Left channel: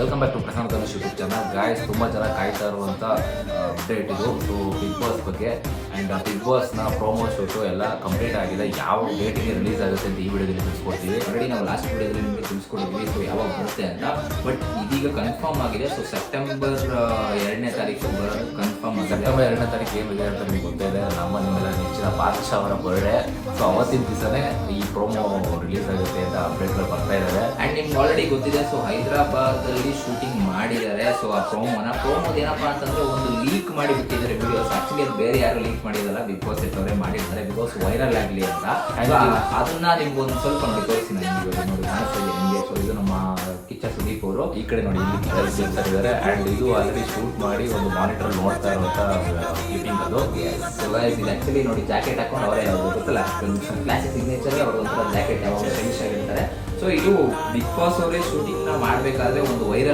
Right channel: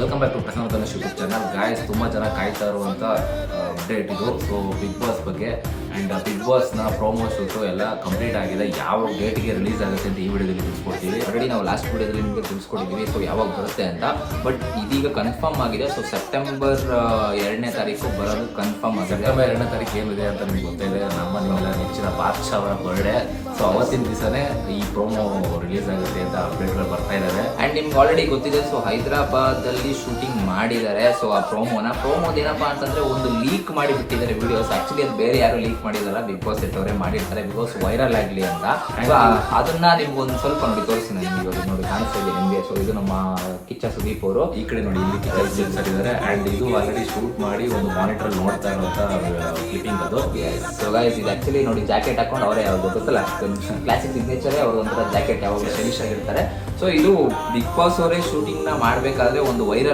Welcome back to Prashanth Dhanush YouTube channel. Guys, ತುಂಬ ಜನ ಕಾಯ್ತಾ ಇರುವಂಥ ಅಪ್ಡೇಟ್ ಇದು. ಸೊ ಬಿಗ್ ಬಾಸ್ ಬಗ್ಗೆ ಆ್ಯಂಡ್ ಬಿಗ್ ಬಾಸ್ನ ಪ್ರೋಮೋ ಶೂಟು ಎಲ್ಲ ಕಂಪ್ಲೀಟ್ ಆಗಿದೆ. ಯಾವ ಡೇಟ್ಗೆ ರಿಲೀಸ್ ಆಗುತ್ತೆ ಅಂತ ಈ ವಿಡಿಯೋದಲ್ಲಿ ತಿಳಿಸ್ಕೊಡ್ತೀವಿ. ಆಲ್ರೆಡಿ ನಾವು ಲಾಸ್ಟ್ ವಿಡಿಯೋದಲ್ಲಿ ನಿಮಗೆ ತಿಳಿಸ್ಕೊಟ್ಟಿದ್ದೀವಿ ಸೊ ಯಾವಾಗ ಬರುತ್ತೆ ಅಂತ. ಬಟ್ ಇದೀಗ ಕನ್ಫರ್ಮ್ ಆಗಿದೆ. ಸೊ ಸೆಪ್ಟೆಂಬರ್ 2ನೇ ತಾರೀಕು ಬರೋದು ಕನ್ಫರ್ಮ್ ಆಗಿದೆ. ಸೆಪ್ಟೆಂಬರ್ 2ನೇ ತಾರೀಕು ಏನಿದೆ ಅಂತ ನಿಮ್ಗೆ ಗೊತ್ತಿದೆ. ನಿಮ್ಮೆಲ್ಲ ನೆಚ್ಚಿನ ಬಾದ್ಶಾ ಅವರ ಬರ್ಡೇ. ಸೊ ಅವತ್ತಿನ ದಿವಸನೇ ಈ ಪ್ರೋಮೋ ರಿಲೀಸ್ ಆಗುತ್ತೆ ಅಂತ ಅಪ್ಡೇಟ್ಗಳು ಬರ್ತಾ ಇದ್ದಾವೆ. ಆ್ಯಂಡ್ ನಿಮ್ಗೆ ಆಲ್ರೆಡಿ ಗೊತ್ತಿದೆ. ಸೊ ಹೈದರಾಬಾದಲ್ಲಿ ಶೂಟಿಂಗ್ ಮಾಡಿದ್ದಾರೆ. ಸೊ ಆ ಪ್ರೋಮೋದ ಏನಪ್ಪಾ ಅಂತಂದ್ರೆ ಒಂದು ಲೀಕ್ ಮಾಡಿ ಬಿಟ್ಟಿದ್ದಾರೆ ವಿಡಿಯೋಸ್. ಆಕ್ಚುಲಿ ಅದು ಬೇರೆ ಯಾರು ಲೀಕ್ ಮಾಡಿದಾರ, ಬಿಗ್ ಬಾಸ್ ಅವರೇ ಮಾಡಿರ್ತಾರೆ ಬಿಕಾಸ್ ವೈರಲ್ ಆಗಲಿ ಅಂತ. ಅದನ್ನ ನಿಮ್ಗೆ ಒಂದು ಸ್ವಲ್ಪ ನೋಡಿ ತೋರಿಸಿ. ನಾನು ನೋಡಿ ಕಾಣಿಸ್ತಾ ಇದೆ ನಿಮಗೆ. ಸೊ ಇದು ನಮ್ಮ ಕಿಚ್ಚ ಸುದೀಪ್ ಅವರು. ಈ ಕಡೆ ನೋಡಿ ಇಲ್ಲಿ ಕಿಚ್ಚ ಇದ್ದಾರೆ. ಆ್ಯಂಡ್ ಇದು ಆಲ್ರೆಡಿ ಶೂಟ್ ಮಾಡಿ ಒಂದು ಮಾನಿಟರ್ ನೋಡ್ತಾ ಇರುವಂತ ಕ್ಲಿಪ್ಪಿಂಗ್ ಅದು. ಸೊ ಗೈಸ್, ಇದು ಆಕ್ಚುಲಿ ನೋಡಿ ಜಾಕೆಟ್ ಹಾಕೊಂಡು ಅವರೇ ಯಾವ್ದು ಗೊತ್ತಲ್ಲ, ಕ್ಲಾಸಿಕ್ ಸಿಗ್ನೇಚರ್ ಅವರು ಒಂಥರ ಜಾಕೆಟ್ ಯಾವಾಗ ಸ್ಟೈಲಿಶ್ ಆಗಿರ್ತಾರೆ. ಸೊ ಇದು ಬಿಗ್ ಬಾಸ್ ಅವರೇ ಶೂಟಿಂಗ್ ನ ಮಾಡಬೇಕಾದ್ರೆ ಒಂದು ವೈರಲ್